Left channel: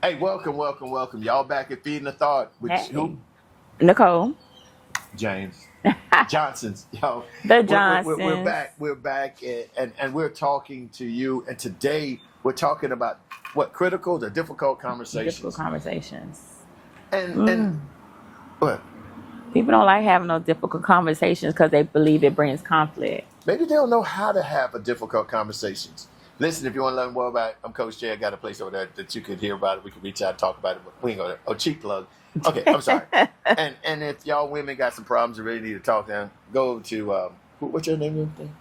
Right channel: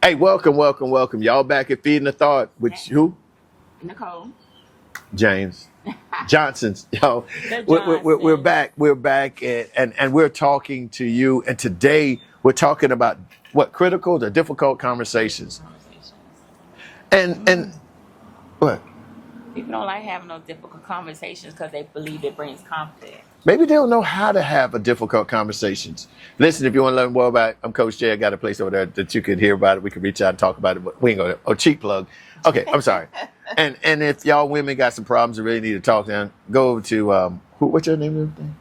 Hey, welcome, welcome, welcome. Y'all back at Feeding the Thought with Hey. who? Nicole. James Johnson's. Yo, The we're Johnsons. back. We're back, and we're talking to you. And today we're talking about what critical to difficult Difficult conversations. conversations. And what? People don't like having those difficult conversations because they believe it brings conflict. Maybe they don't know how to have a difficult conversations. Listen, if you want to learn more about it, I'm Coach Jay. I got a place over there that you could hear about it. We could reach out and talk about it, but we ain't gonna, cheap plug. Okay, I'm sorry. and if y'all women got some problems and really need to talk, then go over to, what's your name?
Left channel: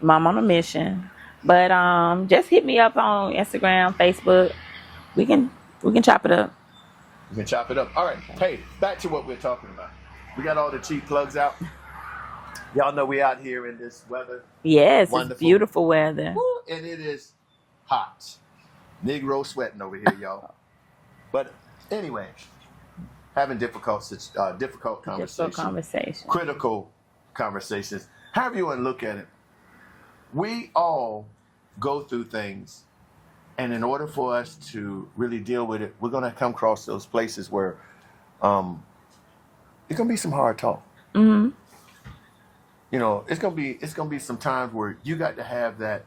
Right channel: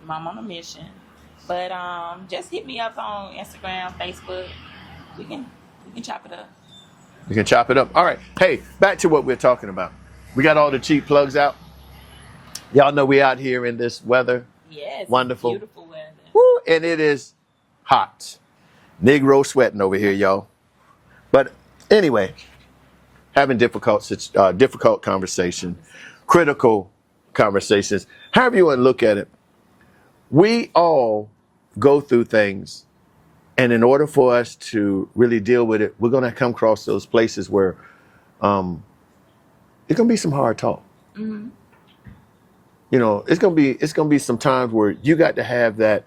Mom on a mission. But just hit me up on Instagram, Facebook. We can chop it up. You can chop it up. All right. Hey, back to what we're talking about. We got all the cheap plugs out. Y'all know we out here in this weather. Yes, Wonderful. it's beautiful weather. Woo, and it is hot. Negro sweating over here, y'all. But anyway, having difficult conversations, critical conversations, however you want to look at it. We all go through things, and in order for us to really deal with it, we're going to come across those places where it's going to be some hard talk. Mm-hmm. You know, it's gonna be some times where you got to have that.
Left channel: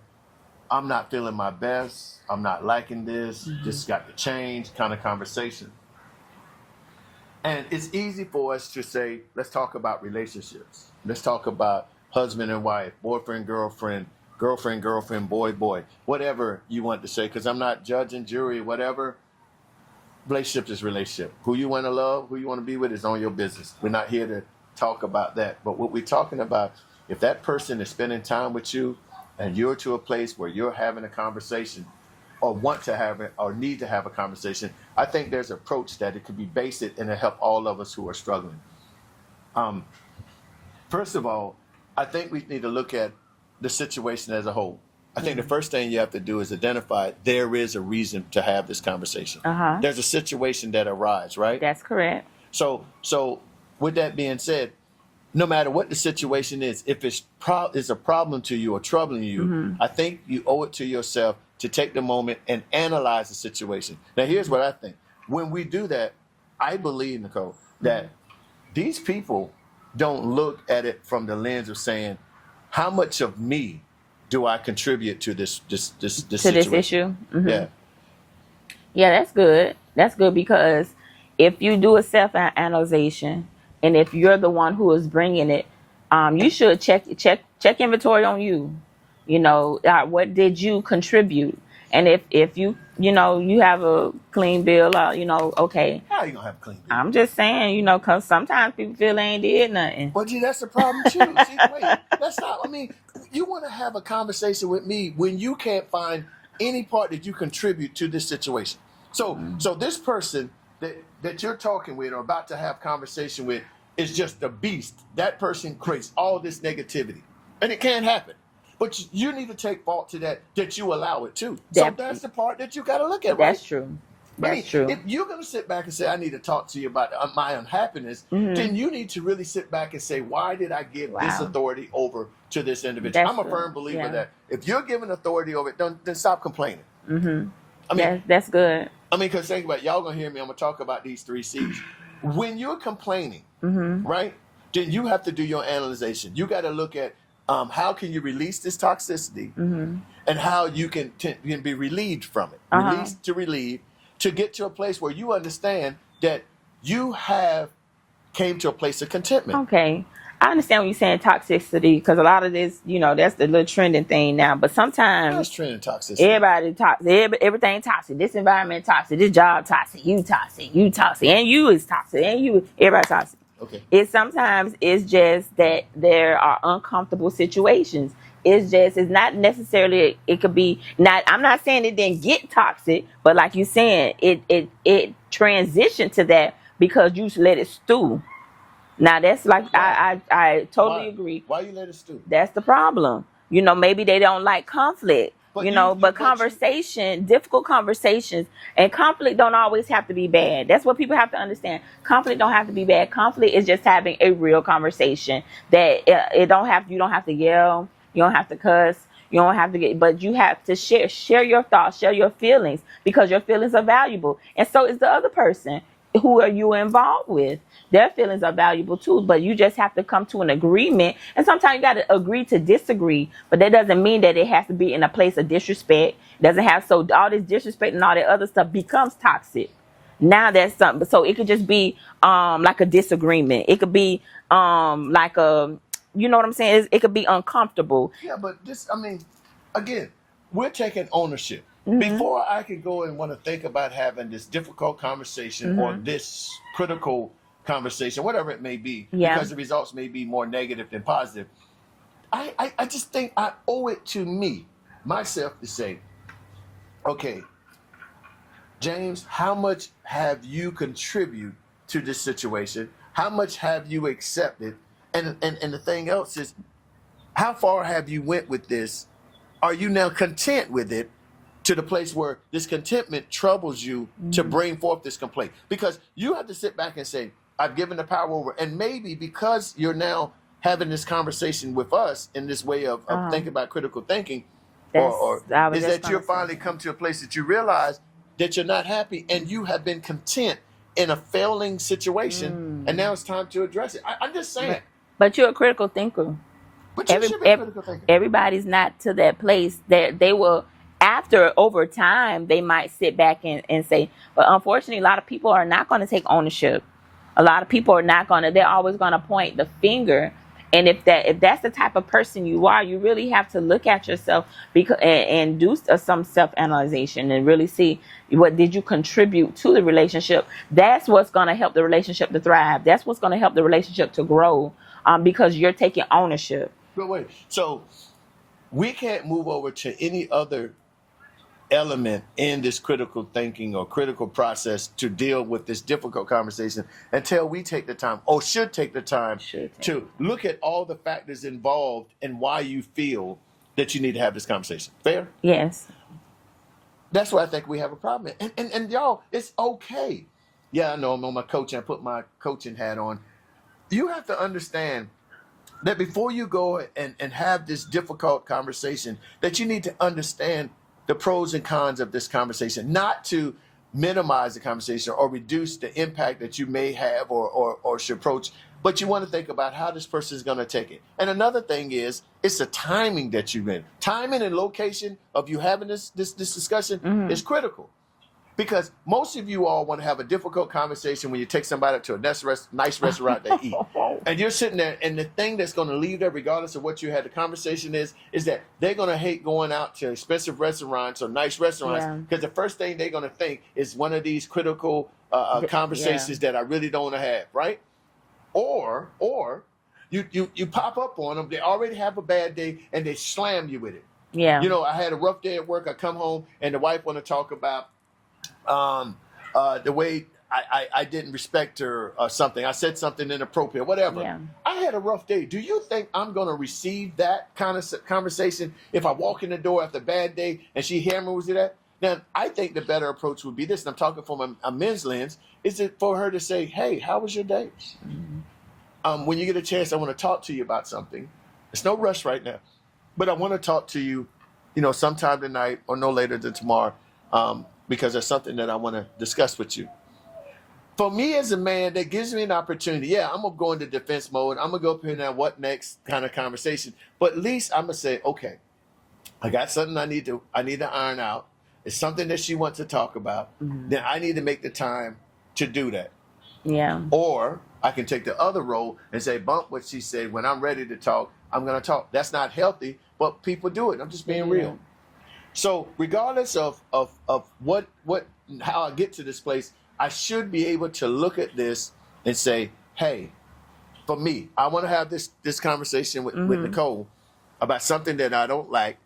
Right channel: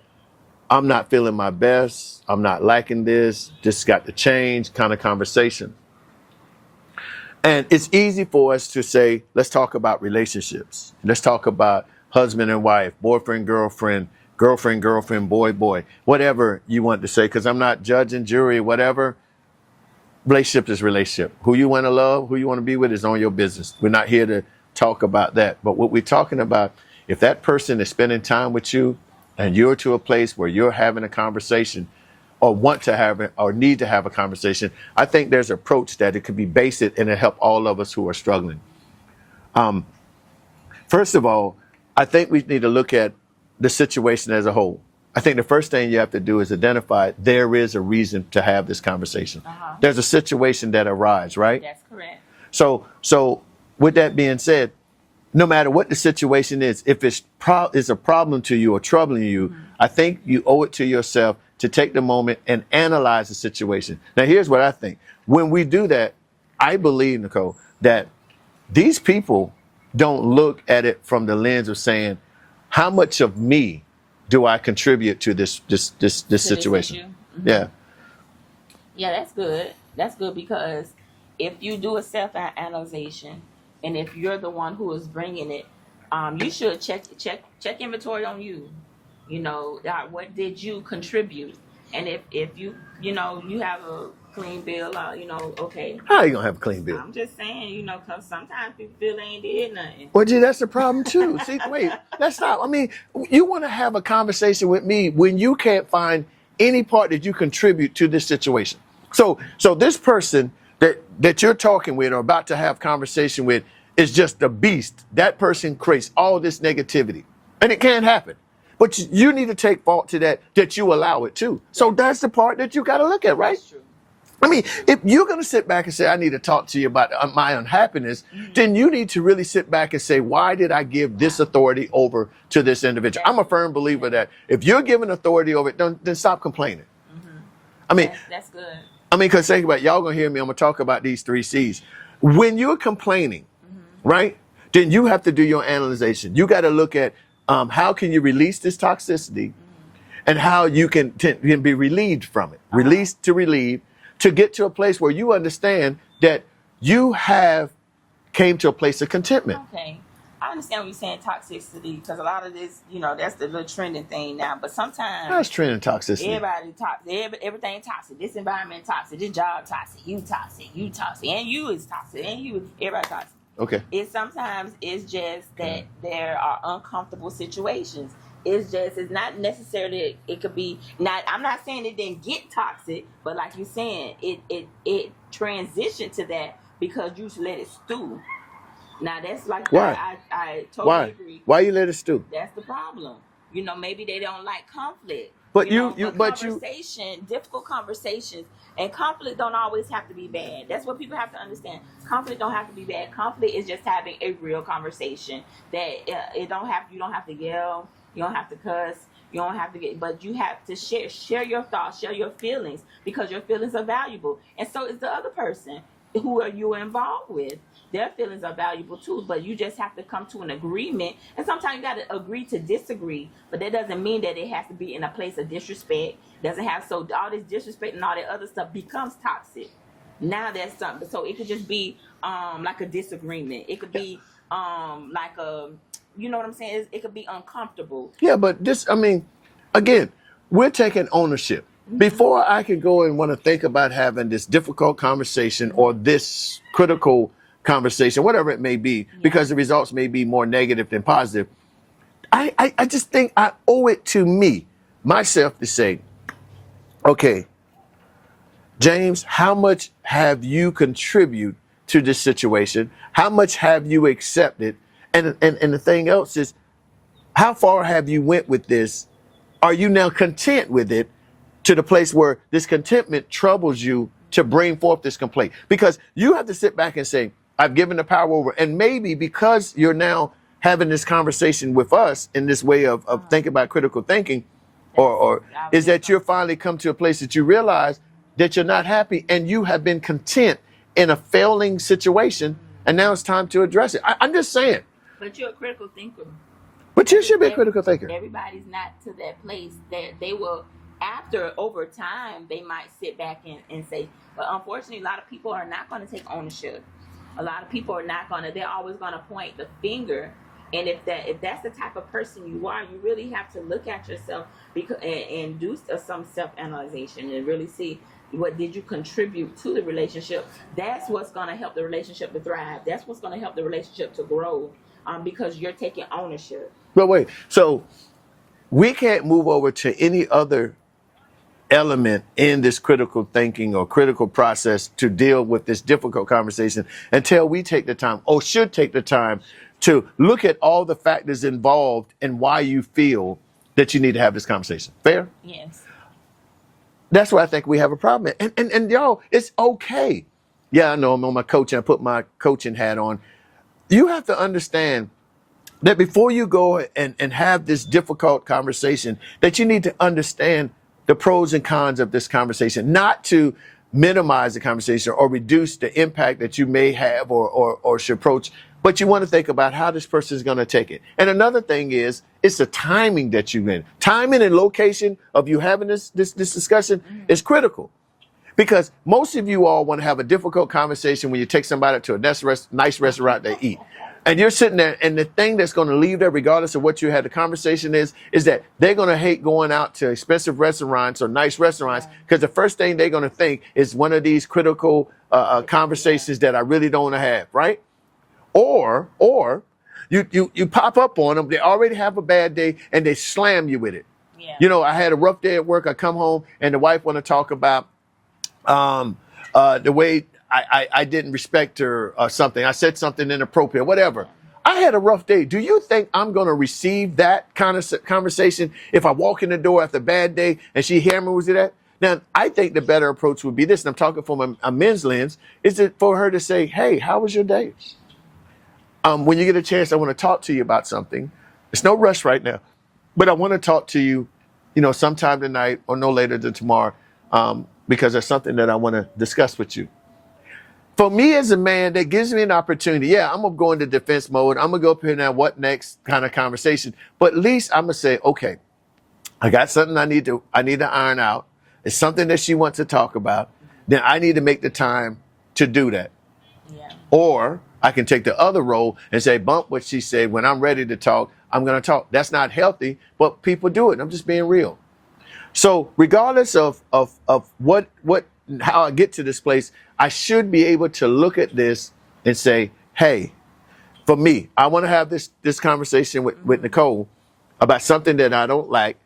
I'm not feeling my best. I'm not liking this. Mm-hmm. This got to change kind of conversation. And it's easy for us to say, let's talk about relationships. Let's talk about husband and wife, boyfriend, girlfriend, girlfriend, boy, whatever you want to say. Because I'm not judging, jury, whatever. Relationship is relationship. Who you want to love, who you want to be with is on your business. We're not here to talk about that. But what we're talking about, if that person is spending time with you and you're to a place where you're having a conversation or want to have it or need to have a conversation, I think there's an approach that it could be basic and it'll help all of us who are struggling. First of all, I think we need to look at the situation as a whole. I think the first thing you have to do is identify there is a reason to have this conversation. Uh-huh. There's a situation that arises, right? That's correct. So with that being said, no matter what the situation is, if it's a problem to you or troubling you, Mm-hmm. I think you owe it to yourself to take the moment and analyze the situation. Now, here's what I think. When we do that, I believe, Nicole, that these people don't look at it from the lens of saying, how much of me do I contribute to this situation? This issue. Mm-hmm. Yeah. Yeah, that's good. That's good because if you do a self-analyzation and if you're the one who is bringing it, you should check inventory on you. You know, what did you contribute? And if you have a clean bill, okay. How are you going to have a clean bill? I'm just saying, because sometimes people feel they ain't did nothing. Well, gee, that's the problem too. See, wait, let's stop. I mean, you want to have a conversation with me when you can't find any part that you contribute to this situation. So this person that you're talking with or about to have conversation with is just a beast. That person creates all this negativity, and it can't happen. But you need to take fault to that you allow it too. So that's the part that you got to look at, right? That's true. If you're going to sit back and say, I need to talk to you about my unhappiness, then you need to really sit back and say, why did I give this authority over to this individual? I'm a firm believer that if you're giving authority over it, then stop complaining. Mm-hmm. I mean, that's good. I mean, because think about it, y'all going to hear me. I'm going to talk about these 3 C's. When you're complaining, right, then you have to do your analyzation. You got to look at how can you release this toxicity and how you can be relieved from it. Release to relieve, to get to a place where you understand that you have came to a place of contentment. Okay. I understand what you're saying, toxicity, because a lot of this, that's the little trending thing now. But sometimes That's trending toxicity. everybody toxic, everything toxic. This environment toxic, this job toxic, you toxic, and you is toxic, and everybody toxic. Okay. Sometimes it's just that there are uncomfortable situations. It's not necessarily, it could be not, I'm not saying it didn't get toxic, but like you're saying, it transitioned to that because you let it stew. Now that's like, I totally agree. Why you let it stew? That's the problem. Maybe they don't like conflict. But difficult conversations, and conflict don't always have to be bad. That's what people have to understand. Conflict don't have to be bad. Conflict is just having a real conversation that you don't have to yell, you don't have to cuss, You don't have to get, but you have to share your thoughts, share your feelings, because your feelings are valuable, and so is the other person who are you involved with. Their feelings are valuable too, but you just have to come to an agreement. And sometimes you got to agree to disagree, but that doesn't mean that it has to be in a place of disrespect. Doesn't have, so all this disrespect and all that other stuff becomes toxic. Now that's something. So it could just be like a disagreement. It could be like a, you know what I'm saying? It could be uncomfortable. Yeah, but this, I mean, again, we're taking ownership. Before I could go and want to think about having this difficult conversation or this critical conversation, whatever it may be, Yeah. because the results may be more negative than positive, I just think I owe it to me, myself, to say, okay, James, how much have you contributed to this situation? How much have you accepted? And the thing else is, how far have you went with this? Are you now content with it to the place where this contentment troubles you to bring forth this complaint? Because you have to sit back and say, I've given the power over. And maybe because you're now having this conversation with us in this way of thinking about critical thinking, or is that you're finally come to a place that you realize that you're not happy and you have been content in a failing situation, and now it's time to address it. I'm just saying. But you're a critical thinker. But you should be a critical thinker. Everybody's not to that place that they will, over time, they might sit back and say, but unfortunately, a lot of people are not going to take ownership. A lot of people are not going to, they're always going to point the finger. And if that's the type of person you are, you really have to look at yourself and do some self-analyzation and really see what did you contribute to the relationship. That's what's going to help the relationship to thrive. That's what's going to help the relationship to grow, because you're taking ownership. But wait, so we can't move over to any other element in this critical thinking or critical process to deal with this difficult conversation until we take the time, or should take the time, to look at all the factors involved and why you feel that you need to have this conversation. Fair? Yes. That's where I think we have a problem. And y'all, it's okay. Yeah, I know I'm on my coaching. I put my coaching hat on. You have to understand that before you go and have this difficult conversation, that you need to understand the pros and cons of this conversation, not to minimize the conversation or reduce the impact that you may have or should approach, but you want to think about how this person is going to take it. And another thing is, it's the timing that you're in. Timing and location of you having this discussion is critical. Because most of you all want to have a difficult conversation when you take somebody to a nice restaurant to eat. And you're sitting there, and the thing that's going to leave there, regardless of what you had the conversation is that they're going to hate going out to expensive restaurants or nice restaurants, because the first thing they're going to think is one of these critical conversations that I really don't want to have, right? Or you pop up on them, they already have a bad day, and they slam you with it. Yeah. You know, I had a rough day at work. I come home, and the wife want to talk about the way I didn't respect her or something. I said something inappropriate, whatever. Yeah. I had a rough day. Do you think I'm going to receive that kind of conversation if I walk in the door after a bad day and she hammers with that? Now, I think the better approach would be this, and I'm talking from a men's lens, is it for her to say, hey, how was your day? When you get a chance, I want to talk to you about something. It's no rush right now, but I want to talk to you, sometime tonight or no later than tomorrow, because there's something that I want to discuss with you. For me as a man, that gives me an opportunity. Yeah, I'm going to go into defense mode. I'm going to go up here now, what next kind of conversation. But at least I'm going to say, okay, I got something I need to iron out. It's something that she wants to talk about. Then I need to make the time to do that. Yeah. Or I can take the other role and say, bump what she said. When I'm ready to talk, I'm going to talk. That's not healthy, but people do it. I'm just being real. So regardless of how I get to this place, I should be able to look at this and say, hey, for me, I want to have this conversation with Nicole about something that I don't like.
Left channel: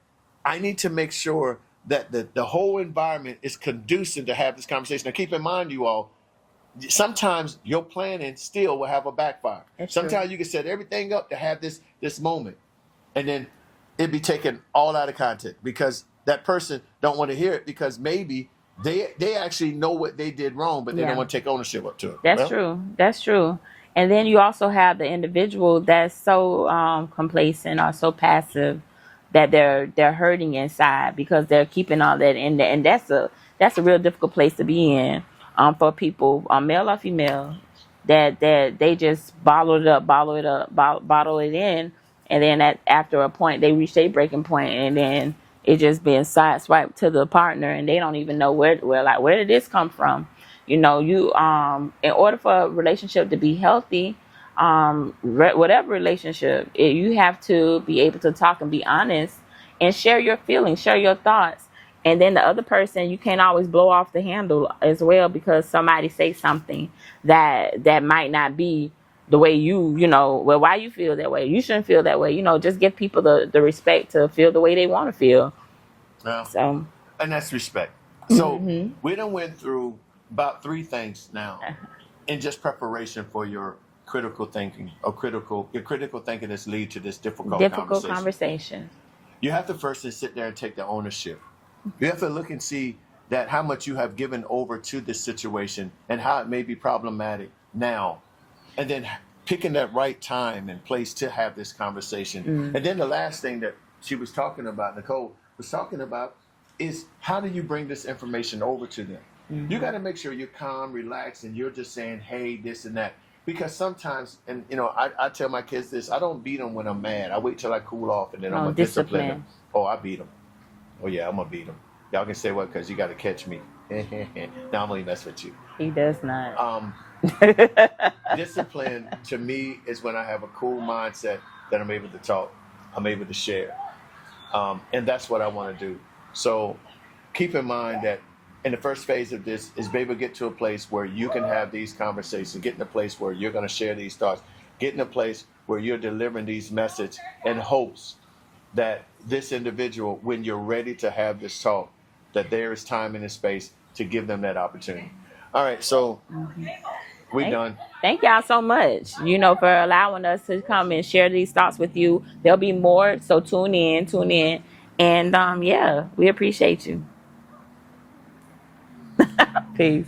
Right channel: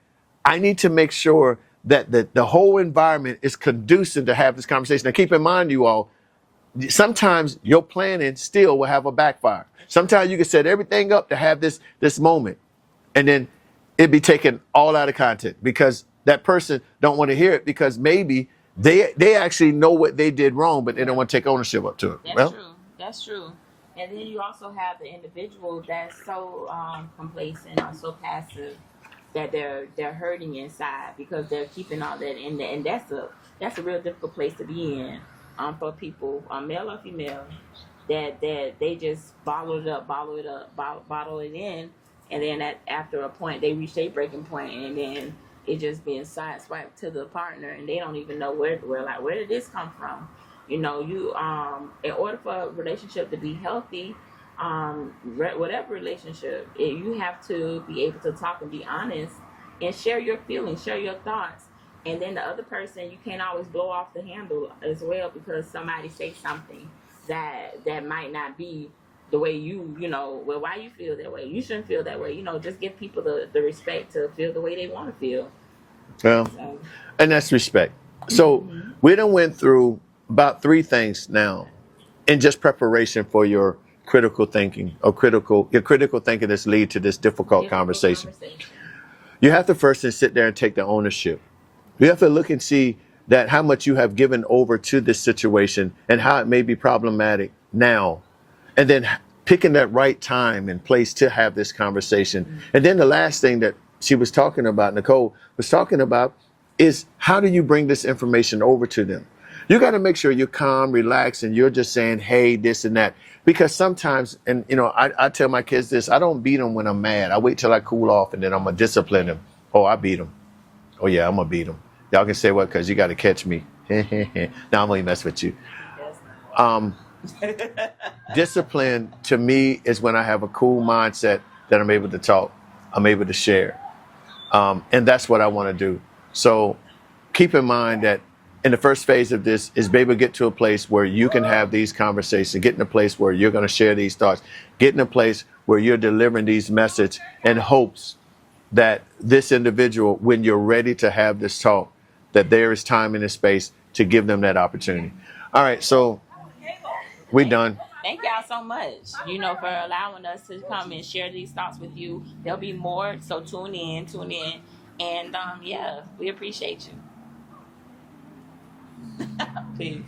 I need to make sure that the whole environment is conducive to have this conversation. Now, keep in mind, you all, sometimes your planning still will have a backfire. Sometimes you can set everything up to have this moment, and then it'd be taken all out of context because that person don't want to hear it, because maybe they actually know what they did wrong, but they don't want to take ownership up to it. That's true. That's true. And then you also have the individual that's so complacent or so passive that they're hurting inside because they're keeping all that in there, and that's a real difficult place to be in, for people, male or female, that they just bottle it in, and then after a point they reach their breaking point, and then it just being sideswiped to the partner, and they don't even know where did this come from. You in order for a relationship to be healthy, whatever relationship, you have to be able to talk and be honest and share your feelings, share your thoughts. And then the other person, you can't always blow off the handle as well, because somebody say something that might not be the way well, why you feel that way. You shouldn't feel that way. Just give people the respect to feel the way they want to feel. Well, So, and that's respect. So we done went through about 3 things now in just preparation for your critical thinking, or your critical thinking that's lead to this difficult conversation. You have to first sit there and take the ownership. You have to look and see that how much you have given over to this situation and how it may be problematic now, and then picking that right time and place to have this conversation. And then the last thing that she was talking about, Nicole was talking about, is how do you bring this information over to them? You got to make sure you're calm, relaxed, and you're just saying, hey, this and that. Because sometimes, and I tell my kids this, I don't beat them when I'm mad. I wait till I cool off, and then I'm going to discipline them. Oh, I beat them. Oh, yeah, I'm going to beat them. Y'all can say what, because you got to catch me. No, I'm only mess with you. He does not. Discipline, to me, is when I have a cool mindset that I'm able to talk, I'm able to share. And that's what I want to do. So keep in mind that in the first phase of this is be able to get to a place where you can have these conversations, get in a place where you're going to share these thoughts, get in a place where you're delivering these messages in hopes that this individual, when you're ready to have this talk, that there is time and a space to give them that opportunity. All right, so we're done. Thank y'all so much, for allowing us to come and share these thoughts with you. There'll be more, so tune in. And, we appreciate you. Peace.